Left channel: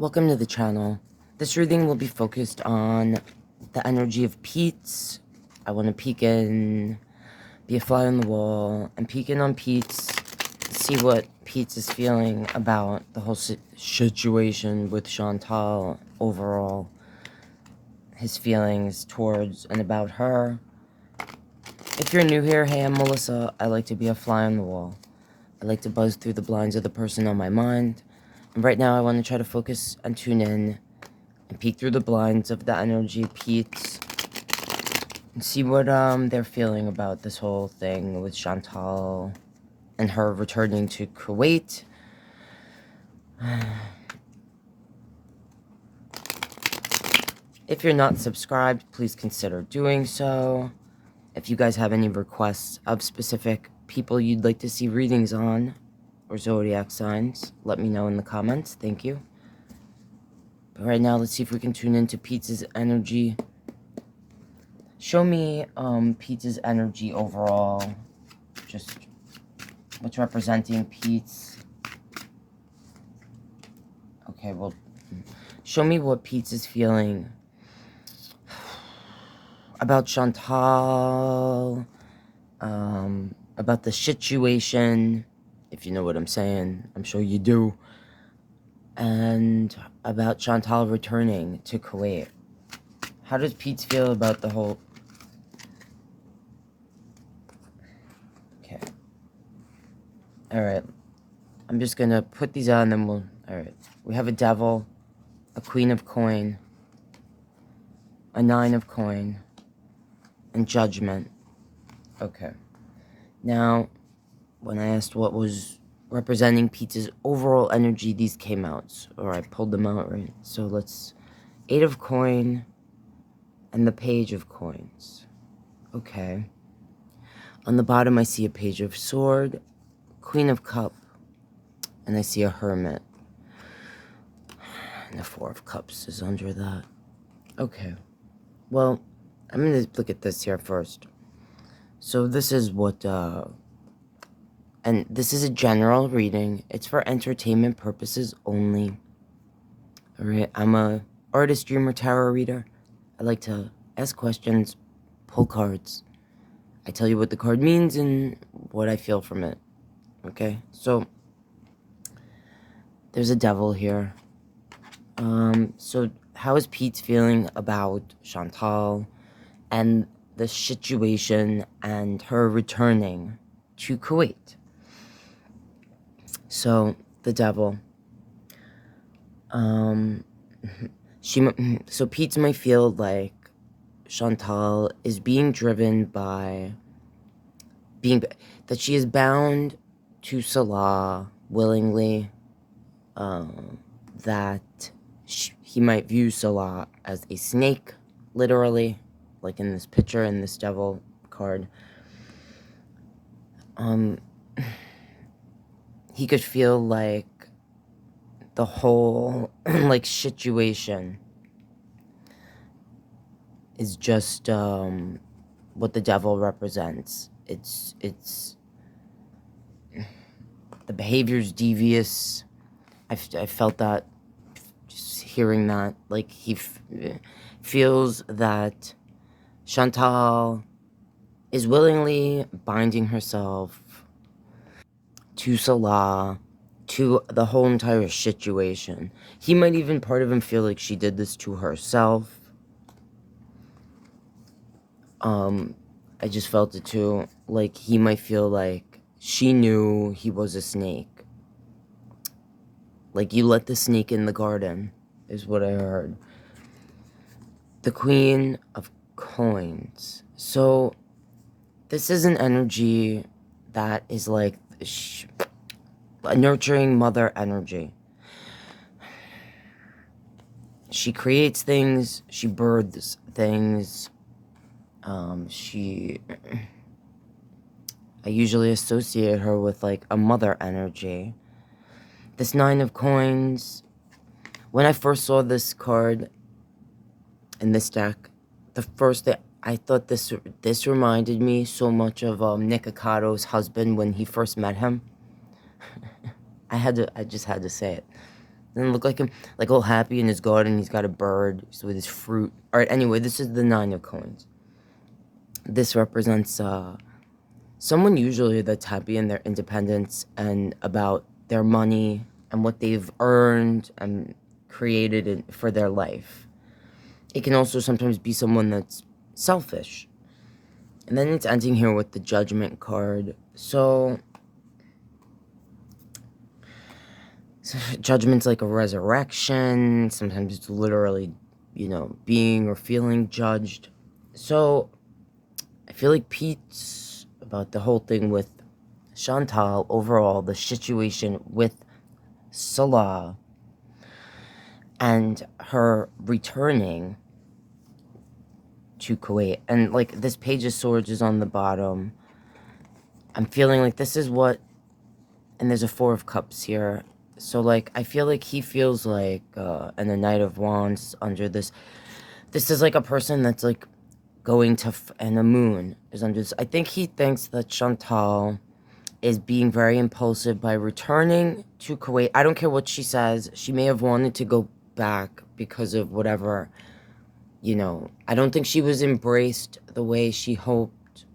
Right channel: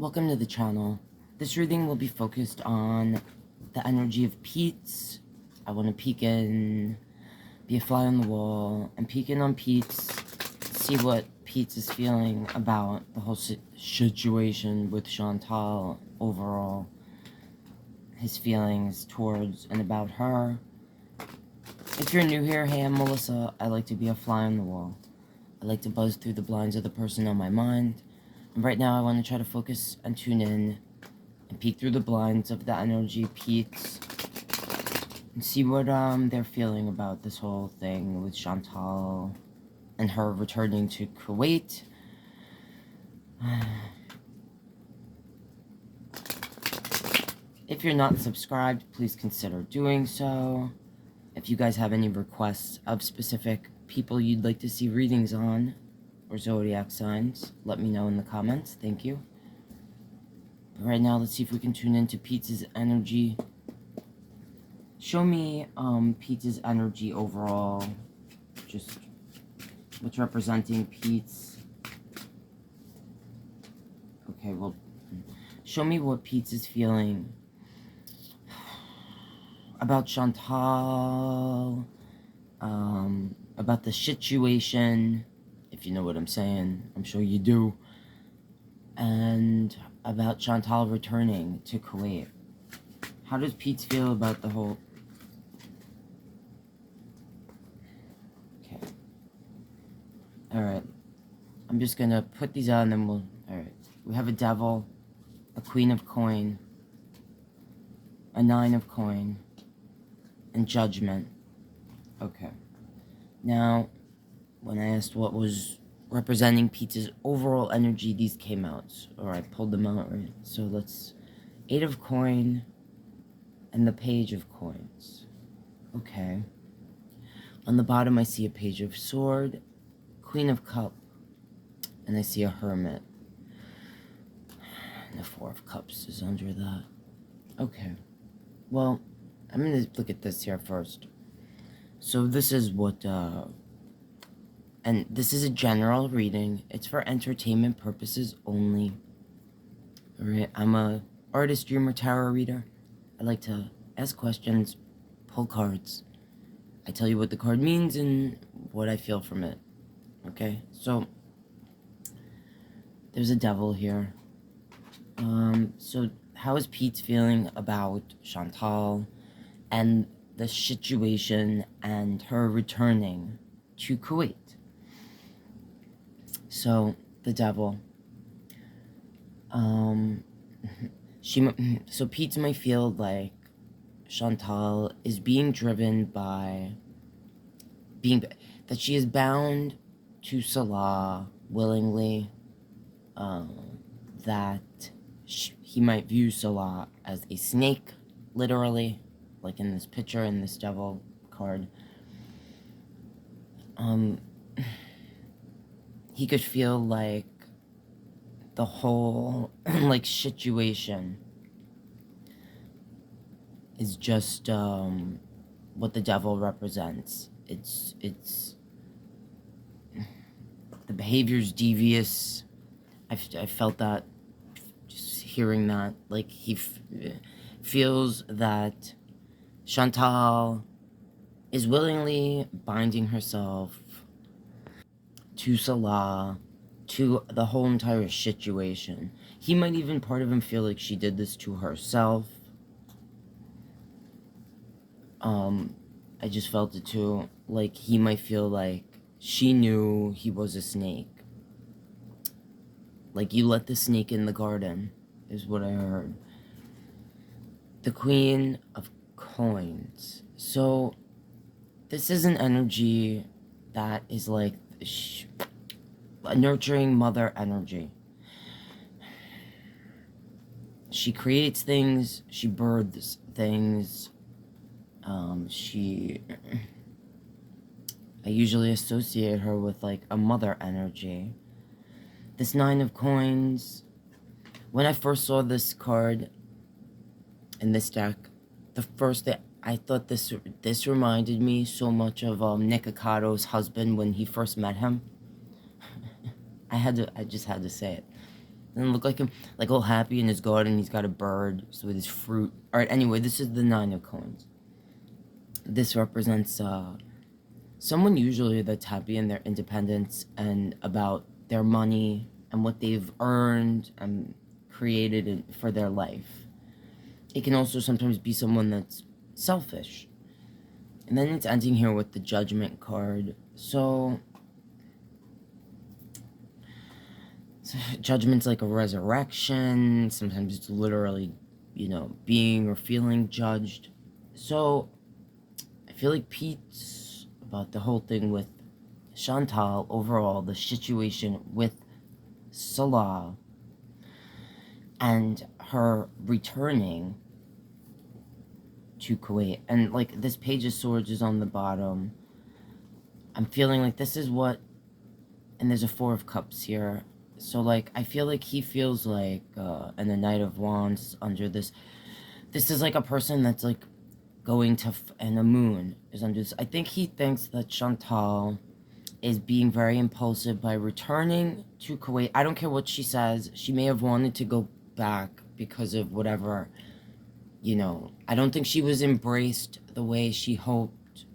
Welcome to the channel. This reading will be focused on the energy of Peetz. I want to peek in, be a fly on the wall, and peek in on Peetz, see what Peetz is feeling about the whole situation with Chantal overall, his feelings towards and about her. If you're new here, hey, I'm Melissa. I like to be a fly on the wall. I like to buzz through the blinds of the person on my mind. And right now I want to try to focus and tune in and peek through the blinds of the energy Peetz and see what they're feeling about this whole thing with Chantal and her returning to Kuwait. If you're not subscribed, please consider doing so. If you guys have any requests of specific people you'd like to see readings on, or zodiac signs, let me know in the comments. Thank you. But right now, let's see if we can tune into Peetz's energy. Show me Peetz's energy overall. Just what's representing Peetz. Okay, well, show me what Peetz is feeling about Chantal, about the situation, if you know what I'm saying. I'm sure you do. And about Chantal returning to Kuwait. How does Peetz feel about the whole... Okay. Alright. I'm just gonna put these on and then we'll... Alright. We have a devil, a queen of coin, a 9 of coin, and judgment. Okay. Now, when I asked what was representing Peetz's overall energy, these came out. Or I pulled them out, right? So let's... 8 of coin and the page of coins. Okay. On the bottom, I see a page of sword, queen of cup, and I see a hermit. And the 4 of cups is under that. Okay. Well, I'm going to look at this here first. So this is what, and this is a general reading. It's for entertainment purposes only. Alright, I'm a artist, dreamer, tarot reader. I like to ask questions, pull cards. I tell you what the card means and what I feel from it. Okay, so there's a devil here. So how is Peetz feeling about Chantal and the situation and her returning to Kuwait? So the devil, so Peetz might feel like Chantal is being driven by that she is bound to Salah willingly, that he might view Salah as a snake, literally, like in this picture, in this devil card. He could feel like the whole, like, situation is just, what the devil represents. It's, the behavior's devious. I felt that, just hearing that, like, he feels that Chantal is willingly binding herself to Salah, to the whole entire situation. He might even, part of him, feel like she did this to herself. I just felt it too. Like, he might feel like she knew he was a snake. Like, you let the snake in the garden, is what I heard. The Queen of Coins. So, this is an energy that is like a nurturing mother energy. She creates things, she births things. I usually associate her with like a mother energy. This 9 of coins, when I first saw this card in this deck, the first thing I thought, this reminded me so much of Nick Ocato's husband when he first met him. I just had to say it. Doesn't look like him, like all happy in his garden. He's got a bird with his fruit. All right, anyway, this is the 9 of coins. This represents someone usually that's happy in their independence and about their money and what they've earned and created for their life. It can also sometimes be someone that's selfish. And then it's ending here with the Judgment card. So Judgment's like a resurrection. Sometimes it's literally, being or feeling judged. So I feel like Peetz, about the whole thing with Chantal, overall, the situation with Salah and her returning to Kuwait. And like this Page of Swords is on the bottom. I'm feeling like this is what, and there's a 4 of Cups here. So like I feel like he feels like, and the Knight of Wands under this. This is like a person that's like going to, and the Moon is under this. I think he thinks that Chantal is being very impulsive by returning to Kuwait. I don't care what she says. She may have wanted to go back because of whatever, I don't think she was embraced the way she hoped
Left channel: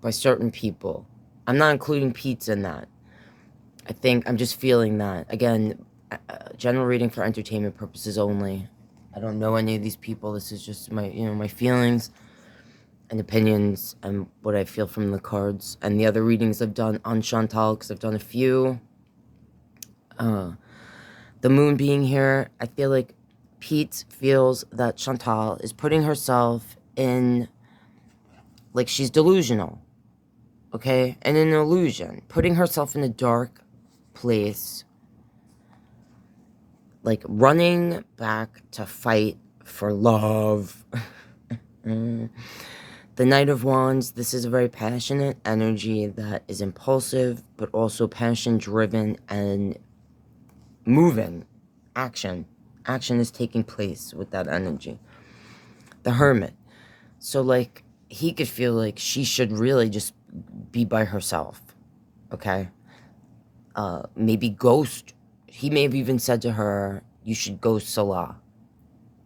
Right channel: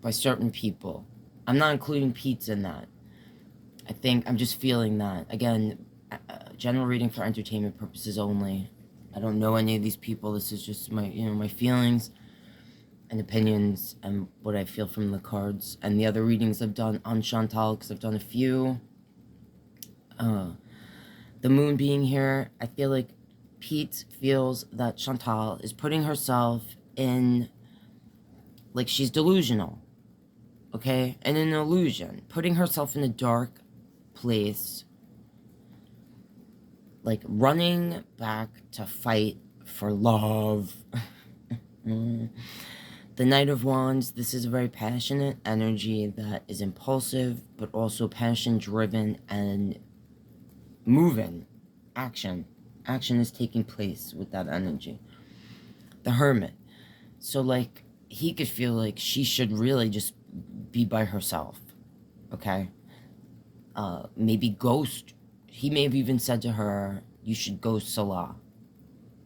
by certain people. I'm not including Peetz in that. I think I'm just feeling that. Again, general reading for entertainment purposes only. I don't know any of these people. This is just my, my feelings and opinions and what I feel from the cards. And the other readings I've done on Chantal, because I've done a few. The Moon being here, I feel like Peetz feels that Chantal is putting herself in, like she's delusional, okay? And an illusion. Putting herself in a dark place, like running back to fight for love. The Knight of Wands, this is a very passionate energy that is impulsive, but also passion-driven and moving. Action. Action is taking place with that energy. The Hermit. So, like, he could feel like she should really just be by herself, okay? Maybe ghost. He may have even said to her, you should ghost Salah.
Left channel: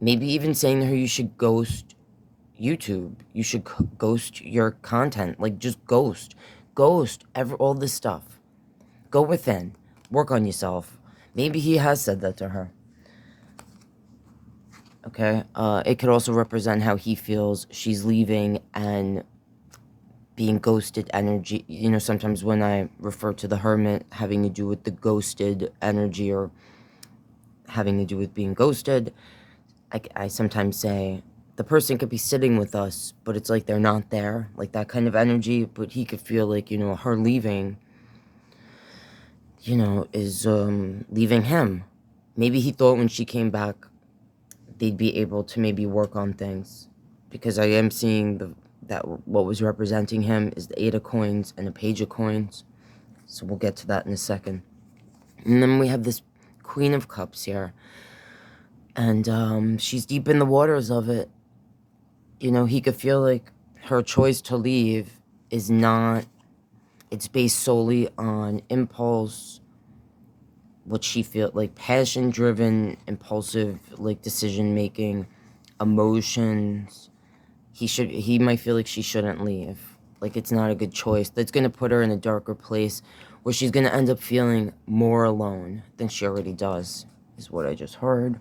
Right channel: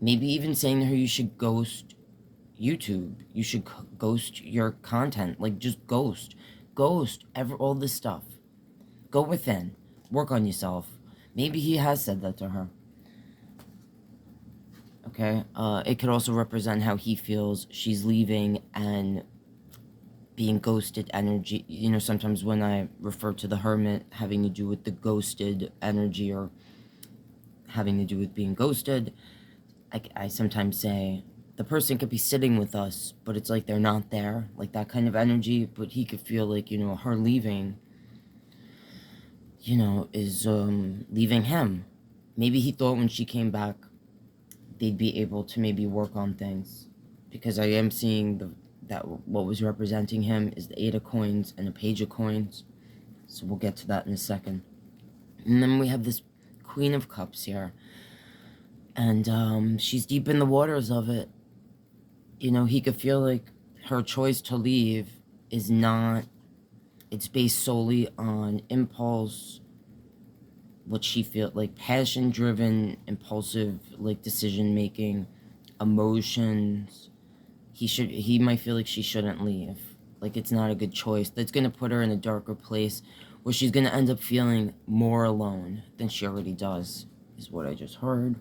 Maybe even saying to her, you should ghost YouTube. You should ghost your content. Like, just ghost. Ghost all this stuff. Go within. Work on yourself. Maybe he has said that to her. Okay? It could also represent how he feels she's leaving and being ghosted energy. Sometimes when I refer to the Hermit having to do with the ghosted energy or having to do with being ghosted, I sometimes say the person could be sitting with us, but it's like they're not there, like that kind of energy. But he could feel like, her leaving, is leaving him. Maybe he thought when she came back, they'd be able to maybe work on things, because I am seeing that what was representing him is the 8 of Coins and a Page of Coins. So we'll get to that in a second. And then we have this Queen of Cups here. And she's deep in the waters of it. He could feel like her choice to leave is not, it's based solely on impulse, what she feels, like passion-driven, impulsive, like decision-making, emotions. He might feel like she shouldn't leave. Like it's not a good choice. That's going to put her in a darker place where she's going to end up feeling more alone than she already does, is what I just heard.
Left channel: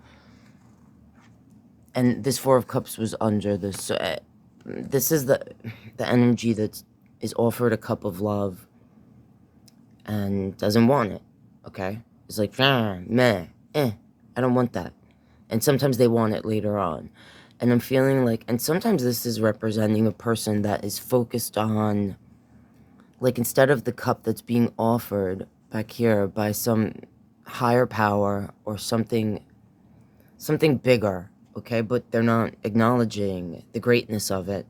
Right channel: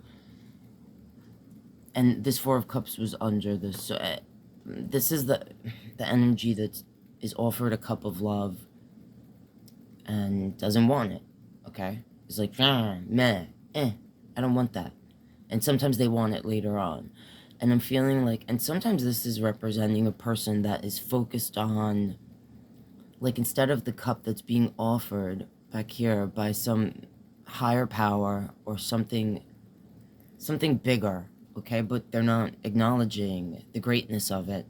And this 4 of Cups was under this. So, this is the energy that is offered a cup of love and doesn't want it, okay? It's like, meh, I don't want that. And sometimes they want it later on. And I'm feeling like, and sometimes this is representing a person that is focused on, like instead of the cup that's being offered back here by some higher power or something bigger, okay? But they're not acknowledging the greatness of it.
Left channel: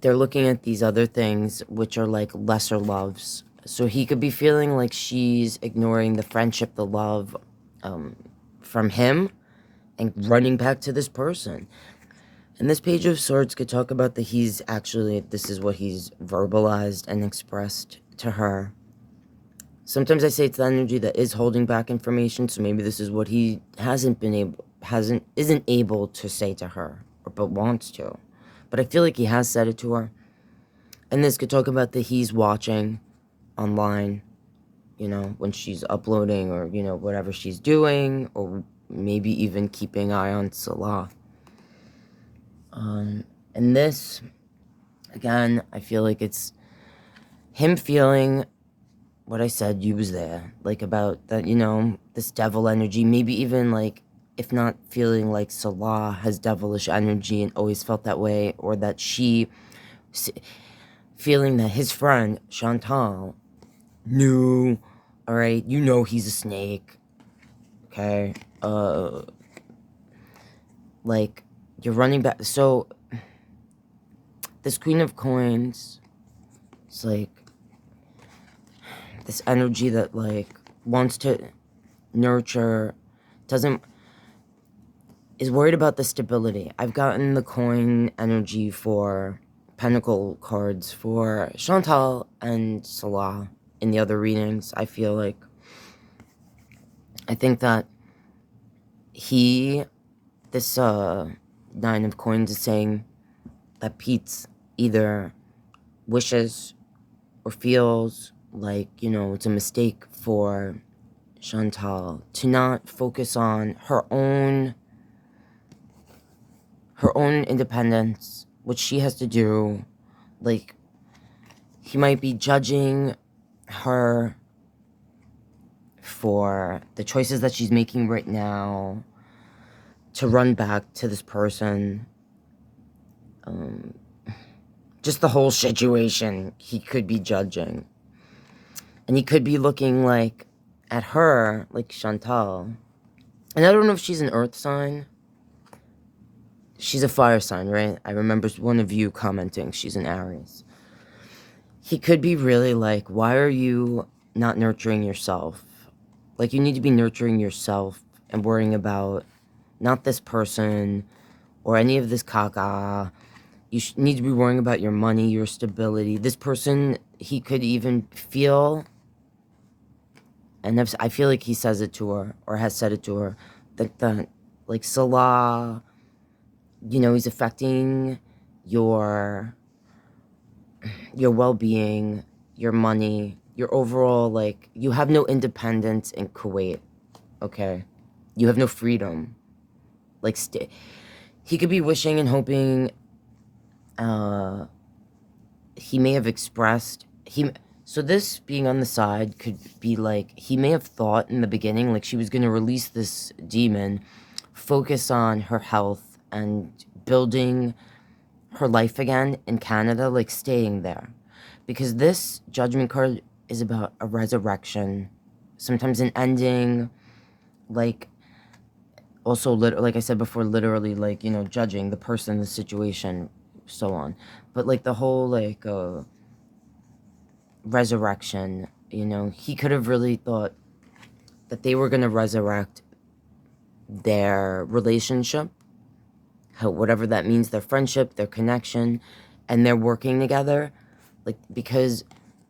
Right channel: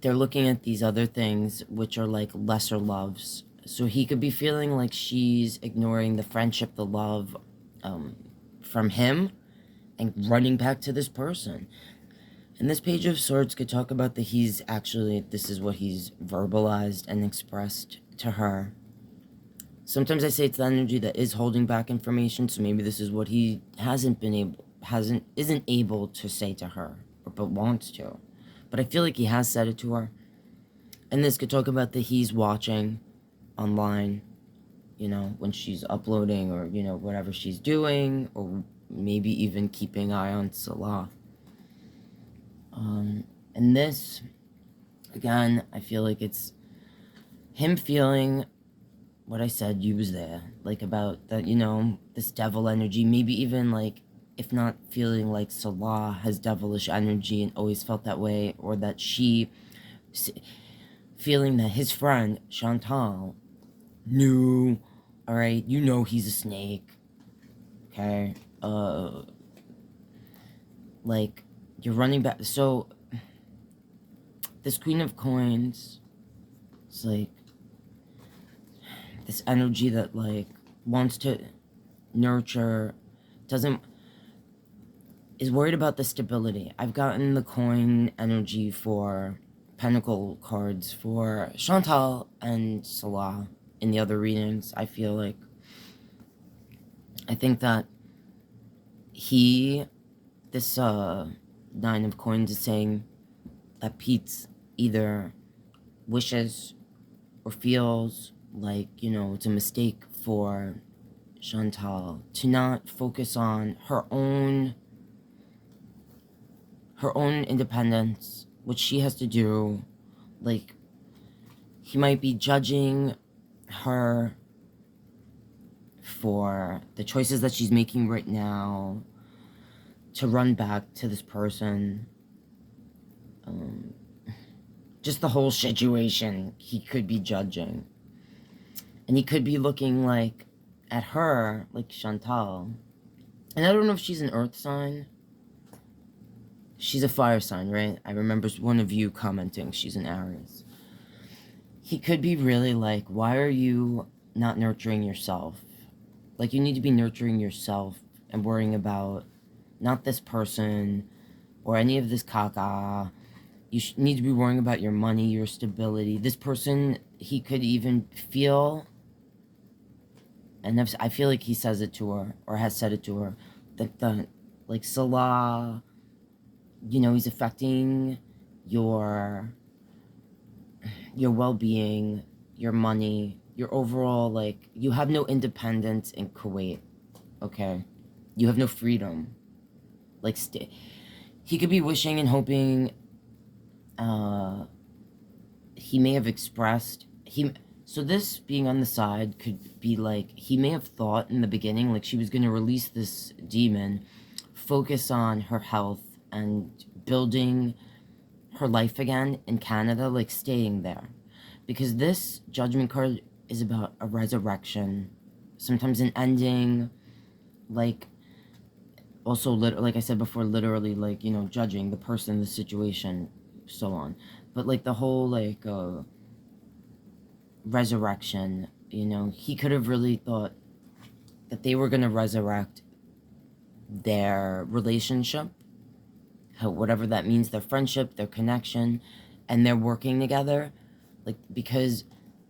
They're looking at these other things, which are like lesser loves. So he could be feeling like she's ignoring the friendship, the love from him, and running back to this person. And this Page of Swords could talk about that he's actually, this is what he's verbalized and expressed to her. Sometimes I say it's the energy that is holding back information, so maybe this is what he isn't able to say to her, but wants to. But I feel like he has said it to her. And this could talk about that he's watching online, you know, when she's uploading or, you know, whatever she's doing, or maybe even keeping an eye on Salah. And this, again, I feel like it's him feeling what I said, you was there, like about that, you know, this devil energy, maybe even like, if not feeling like Salah has devilish energy and always felt that way, or that she, feeling that his friend, Chantal, knew, all right, you know he's a snake, okay, like, you're running back, so, this Queen of Coins, it's like, this energy that, like, wants to nurture, is worried about the stability. I've gotten the coin energy for Pentacle cards for Chantal and Salah in the other readings. I think that this Nine of Coins is saying that Peetz either wishes or feels like, you know, it's a mistake for Chantal to not focus on her own independence, what she has to do. Like, he might be judging her for the choices that she's making right now to run back to this person. Just the whole situation he could be judging. And he could be looking, like, at her, like Chantal. And I don't know if she's an earth sign. She's a fire sign, right? I remember one of you commenting she's an Aries. He could be really like, why are you not nurturing yourself? Like, you need to be nurturing yourself and worrying about not this person or any of this caca. You need to be worrying about your money, your stability. This person, he could even feel, and I feel like he says it to her, or has said it to her, that like, Salah, you know, he's affecting your well-being, your money, your overall, like, you have no independence in Kuwait, okay? You have no freedom. Like, he could be wishing and hoping, he may have expressed, so this being on the side could be like, he may have thought in the beginning, like, she was going to release this demon, focus on her health and building her life again in Canada, like, staying there. Because this Judgment card is about a resurrection, sometimes an ending, like, also, like I said before, literally, like, you know, judging the person, the situation, so on. But, like, the whole, like, resurrection, you know, he could have really thought that they were going to resurrect their relationship, whatever that means, their friendship, their connection, and they're working together, like, because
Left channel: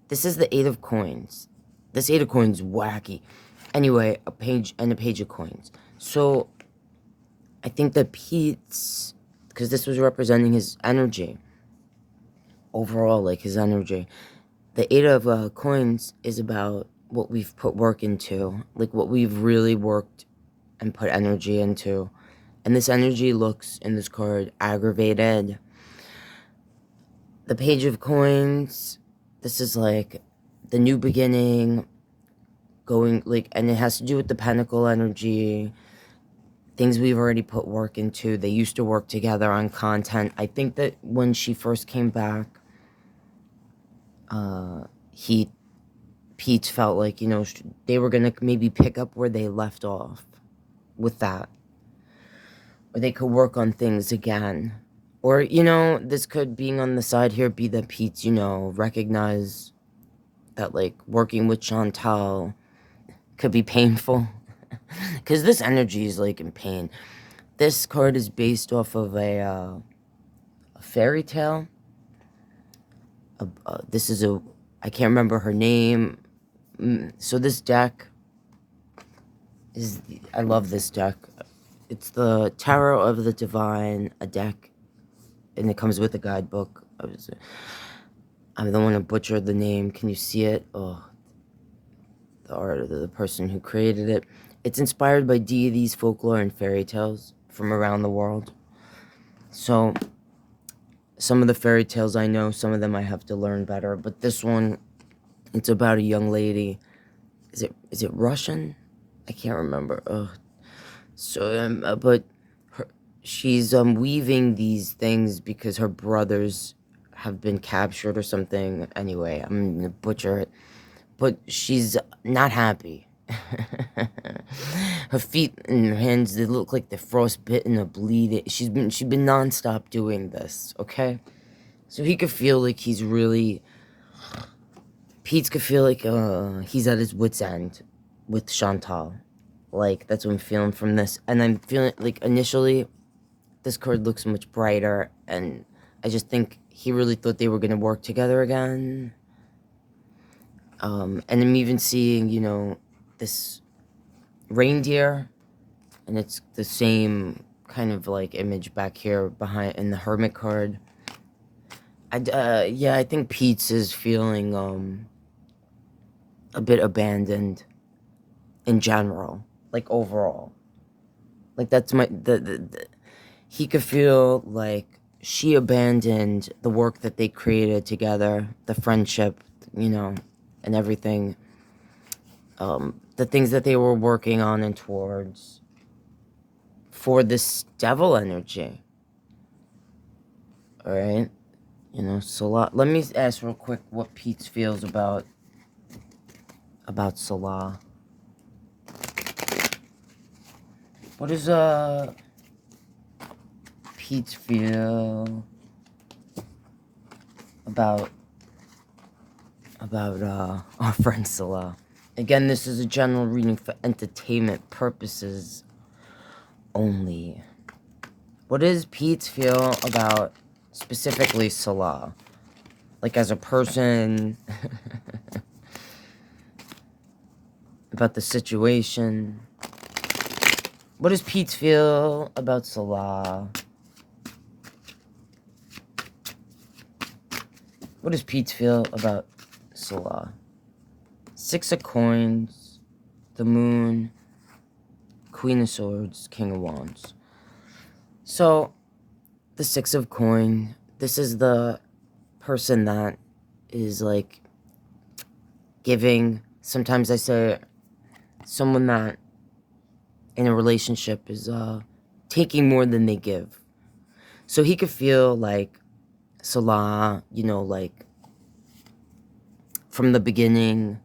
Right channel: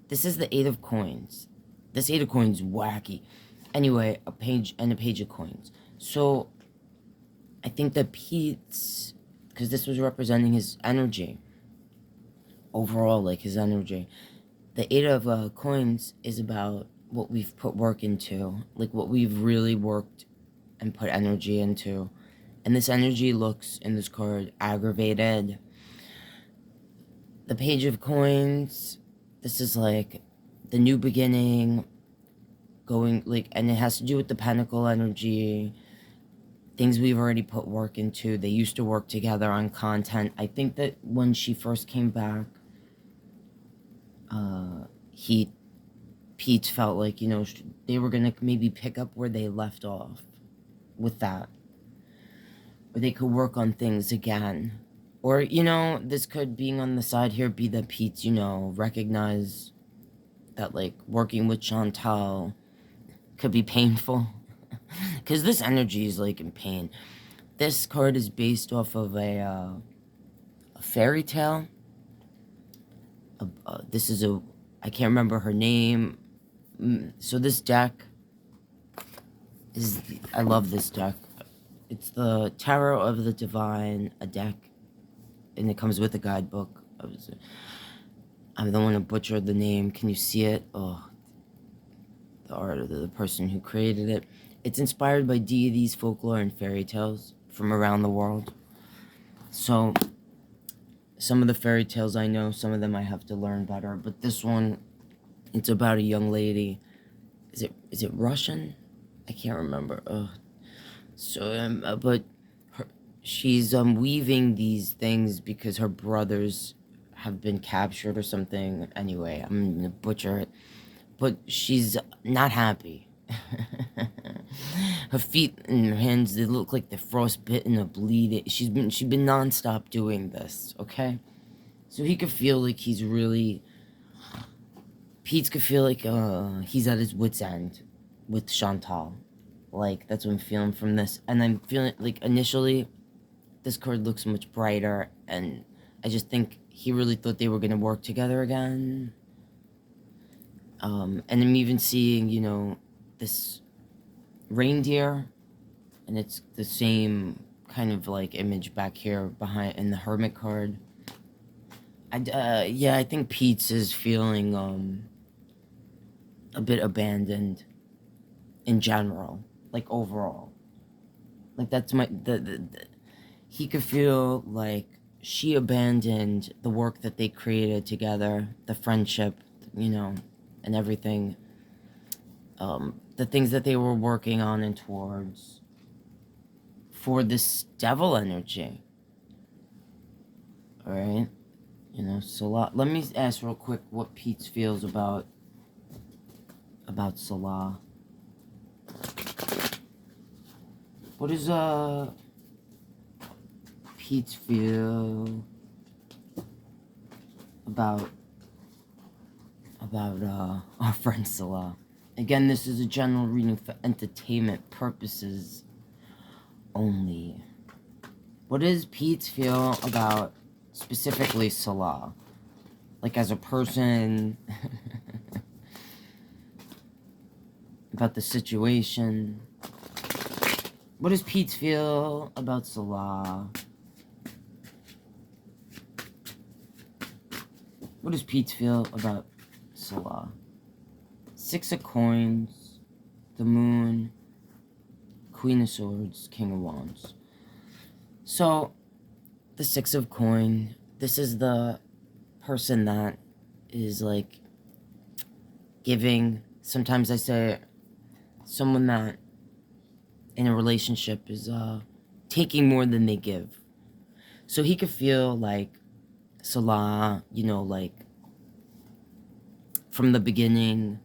this is the Eight of Coins. This Eight of Coins, wacky. Anyway, a page of coins. So, I think that Peetz, because this was representing his energy, overall, like, his energy, the Eight of Coins is about what we've put work into, like, what we've really worked and put energy into. And this energy looks, in this card, aggravated. The Page of Coins, this is like the new beginning, going, like, and it has to do with the Pentacle energy, things we've already put work into. They used to work together on content. I think that when she first came back, Peetz felt like, you know, they were going to maybe pick up where they left off with that. Or they could work on things again. Or, you know, this could, being on the side here, be that Peetz, you know, recognize that, like, working with Chantal could be painful. Because this energy is, like, in pain. This card is based off of a fairy tale. This is I can't remember her name. So this deck is, I love this deck. It's the Tarot of the Divine, a deck, and it comes with a guidebook. I don't want to butcher the name. Can you see it? Oh, the art of the person who created it. It's inspired by deities, folklore, and fairy tales from around the world. So, some of the fairy tales I know, some of them I have to learn better. But this one, it's about a young lady. Is it Russian? I can't remember. But she's weaving these things because her brothers have been captured or something. Anyway, I'm gonna butcher it. But she's not happy. Her feet and her hands, they look like they're frostbitten or bleeding. She's been nonstop doing this, okay? So he could feel like he's really... Peetz could feel like he's at his wit's end with Chantal. Like, that's what I'm feeling from this. And I'm feeling, like, initially, this card looks much brighter, and I just think he really thought they were going to work together again. And I'm even seeing, you know, this reindeer, and it's the same kind of, like, image back here behind in the Hermit card. Yeah, I think Peetz is feeling, a bit abandoned in general, like, overall. Like, that's my, he could feel like she abandoned the work that they created together, the friendship, you know, and everything, the things that they were working on and towards for this devil energy. All right, you know, Salah. Let me ask real quick what Peetz feels about Salah. What does Peetz feel about our friend Salah? Again, this is a general reading for entertainment purposes only. What does Peetz feel about specifically Salah? Like, as a person, about the situation. What does Peetz feel about Salah? What does Peetz feel about Salah? Six of Coins, the Moon, Queen of Swords, King of Wands. So, the Six of Coin, this is the person that is, like, giving. Sometimes I say someone that in a relationship is taking more than they give. So he could feel like Salah, you know, like, from the beginning,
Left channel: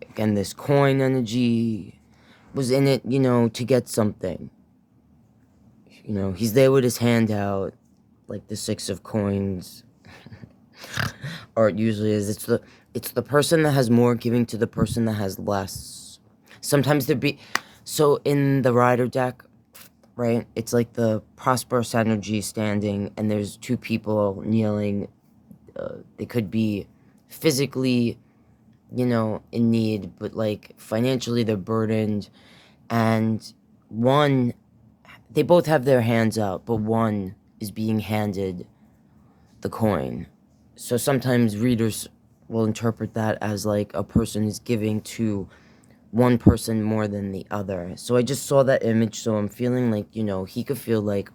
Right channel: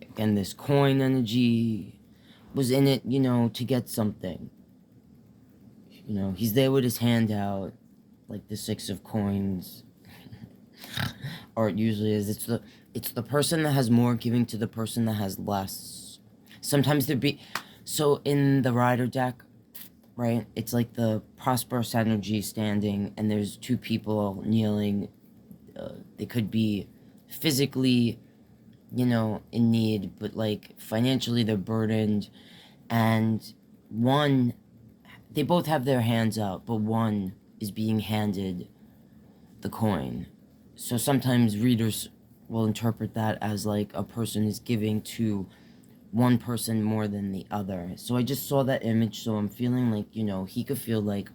again, this coin energy was in it, you know, to get something. You know, he's there with his hand out, like the Six of Coins. Or it usually is. It's the person that has more giving to the person that has less. Sometimes so in the Rider deck, right, it's like the prosperous energy standing, and there's two people kneeling. They could be physically, you know, in need, but, like, financially they're burdened, and they both have their hands out, but one is being handed the coin. So sometimes readers will interpret that as, like, a person is giving to one person more than the other. So I just saw that image, so I'm feeling like, you know, he could feel like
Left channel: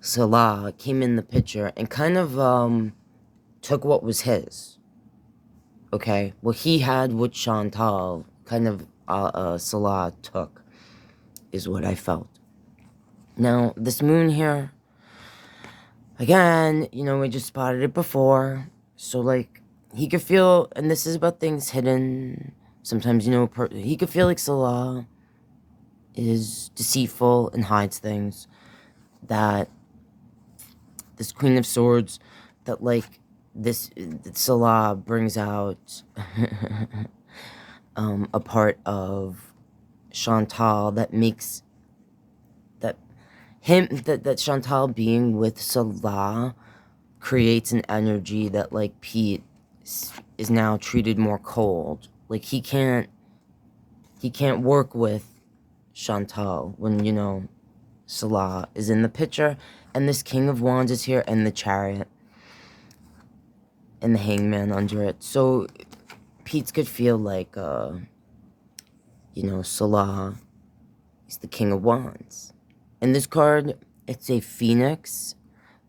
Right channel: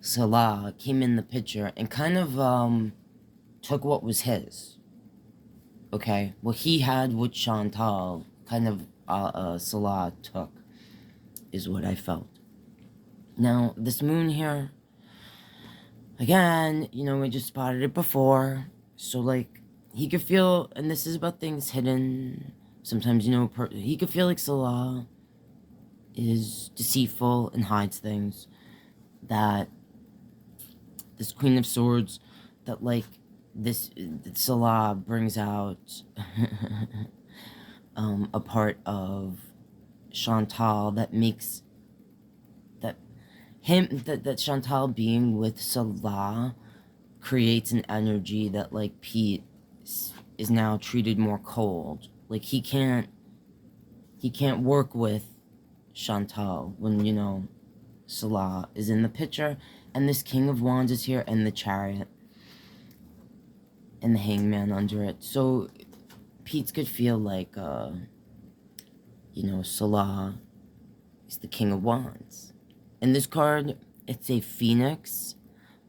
Salah came in the picture and kind of took what was his. Okay? What he had with Chantal, kind of Salah took, is what I felt. Now, this moon here, again, you know, we just spotted it before. So, like, he could feel, and this is about things hidden. Sometimes, you know, he could feel like Salah is deceitful and hides things. That this Queen of Swords, that, like, Salah brings out a part of Chantal that makes that Chantal being with Salah creates an energy that, like, Pete is now treated more cold. Like, he can't work with Chantal when, you know, Salah is in the picture, and this King of Wands is here, and the Chariot, and the Hangman under it. So, Peetz could feel like, you know, Salah is the King of Wands. And this card, it's a phoenix,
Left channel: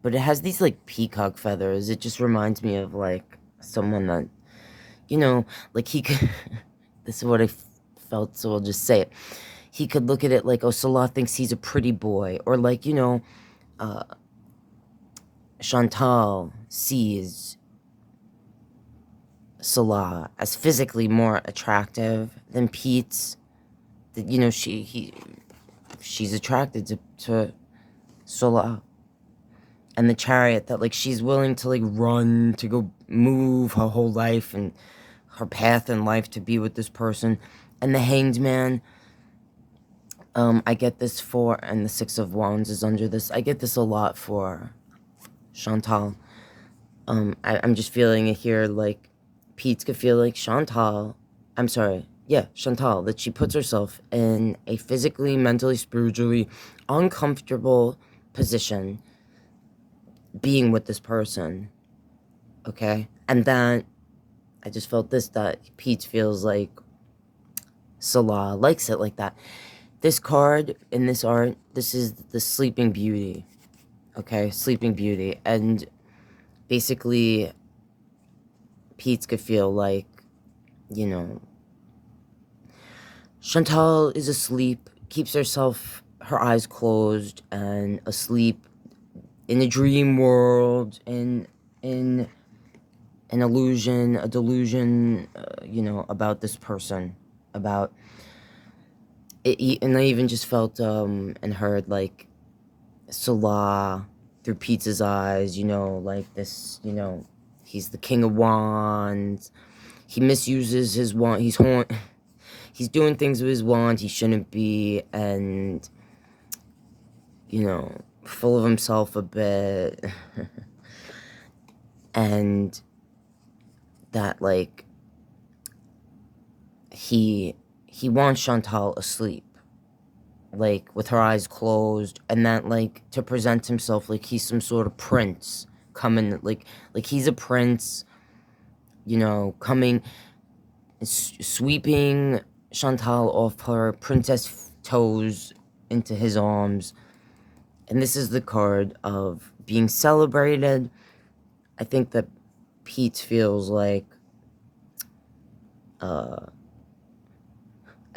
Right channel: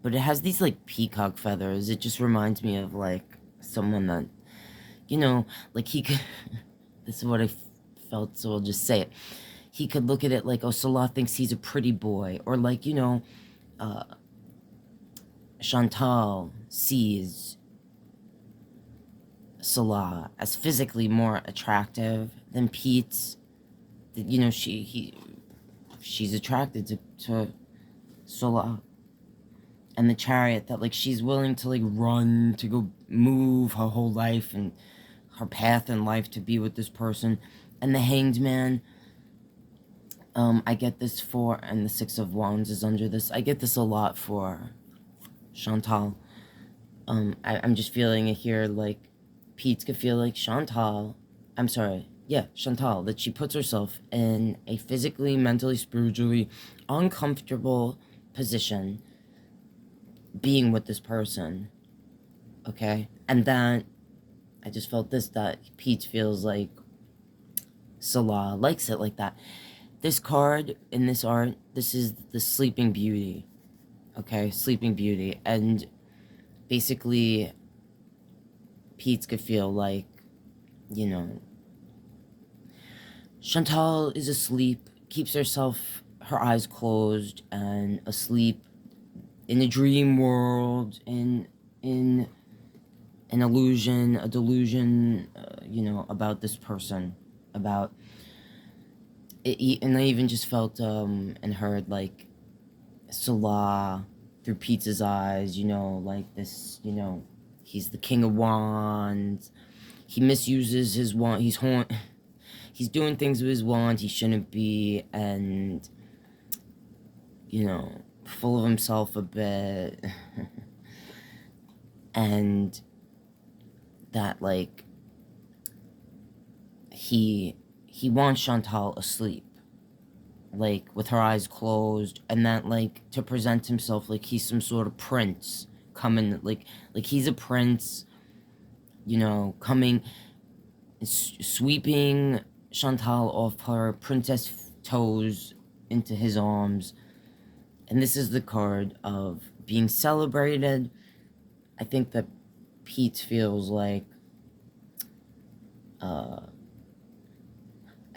but it has these, like, peacock feathers. It just reminds me of, like, someone that, you know, like, he could, this is what I felt, so I'll just say it. He could look at it like, oh, Salah thinks he's a pretty boy. Or, like, you know, Chantal sees Salah as physically more attractive than Peetz. That, you know, she's attracted to Salah. And the Chariot, that, like, she's willing to, like, run, to go move her whole life and her path in life to be with this person. And the Hanged Man, I get this for, and the Six of Wands is under this. I get this a lot for Chantal. I'm just feeling it here, like, Peetz could feel like Chantal, that she puts herself in a physically, mentally, spiritually uncomfortable position being with this person, okay? And then I just felt this, that Peetz feels like Salah likes it like that. This card in this art, this is the Sleeping Beauty, okay? Sleeping Beauty. And basically, Peetz could feel like, you know, Chantal is asleep, keeps her eyes closed, and asleep in a dream world, in an illusion, a delusion, you know, about this person, about it. And I even just felt and heard, like, Salah through Peetz's eyes, you know, like this, you know, he's the King of Wands, he misuses his wand, he's doing things with his wand he shouldn't be, and, you know, full of himself a bit. And that, like, he wants Chantal asleep, like, with her eyes closed, and that, like, to present himself like he's some sort of prince coming, like he's a prince, you know, coming, sweeping Chantal off her princess toes into his arms. And this is the card of being celebrated. I think that Peetz feels like, I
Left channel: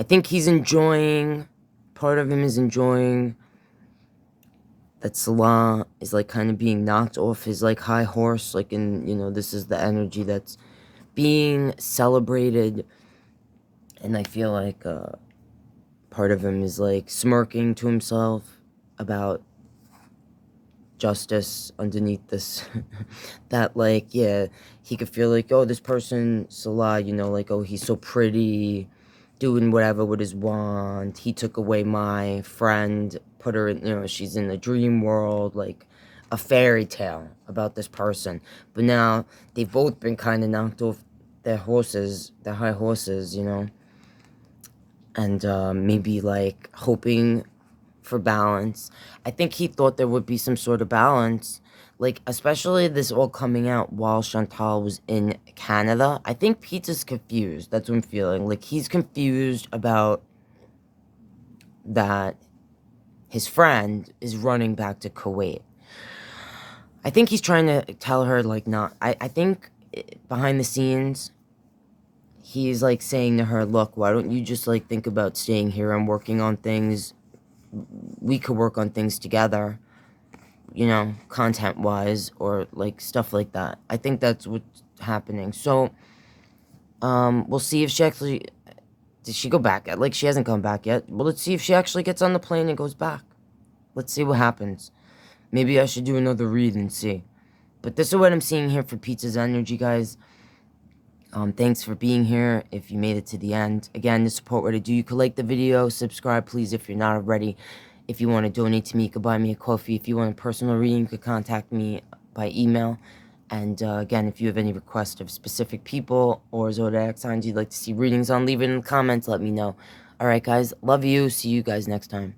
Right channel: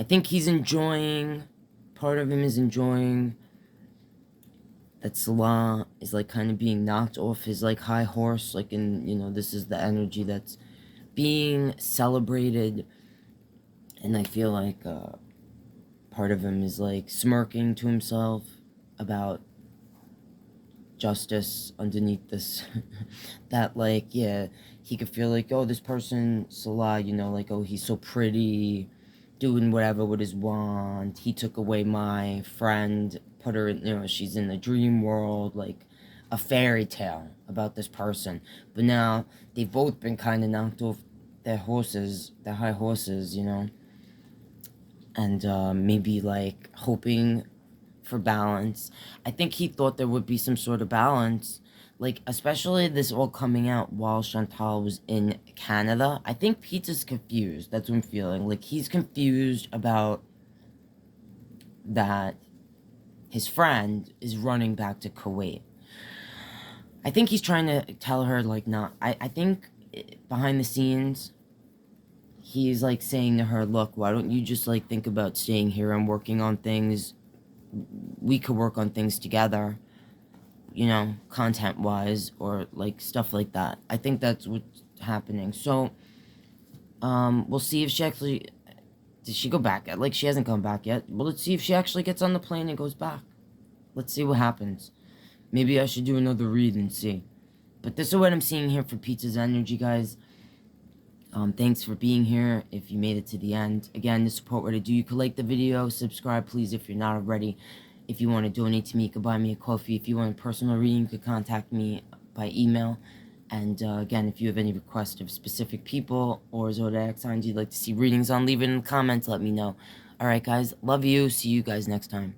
think he's enjoying, part of him is enjoying that Salah is, like, kind of being knocked off his, like, high horse, like, in, you know, this is the energy that's being celebrated. And I feel like, part of him is, like, smirking to himself about justice underneath this. That, like, yeah, he could feel like, oh, this person, Salah, you know, like, oh, he's so pretty, doing whatever with his wand, he took away my friend, put her in, you know, she's in a dream world, like, a fairy tale about this person. But now, they've both been kind of knocked off their horses, their high horses, you know, and, maybe, like, hoping for balance. I think he thought there would be some sort of balance, like, especially this all coming out while Chantal was in Canada. I think Peetz is confused. That's what I'm feeling. Like, he's confused about that his friend is running back to Kuwait. I think he's trying to tell her, like, not... I think behind the scenes, he's, like, saying to her, look, why don't you just, like, think about staying here and working on things. We could work on things together, you know, content-wise, or, like, stuff like that. I think that's what's happening. So, we'll see if she actually... Did she go back? Like, she hasn't come back yet. Well, let's see if she actually gets on the plane and goes back. Let's see what happens. Maybe I should do another read and see. But this is what I'm seeing here for Peetz's energy, guys. Thanks for being here, if you made it to the end. Again, to support what I do, you could like the video, subscribe, please, if you're not already. If you want to donate to me, you could buy me a coffee. If you want a personal reading, you could contact me by email. And again, if you have any requests of specific people or zodiac signs you'd like to see readings on, leave it in the comments. Let me know. Alright, guys. Love you. See you guys next time.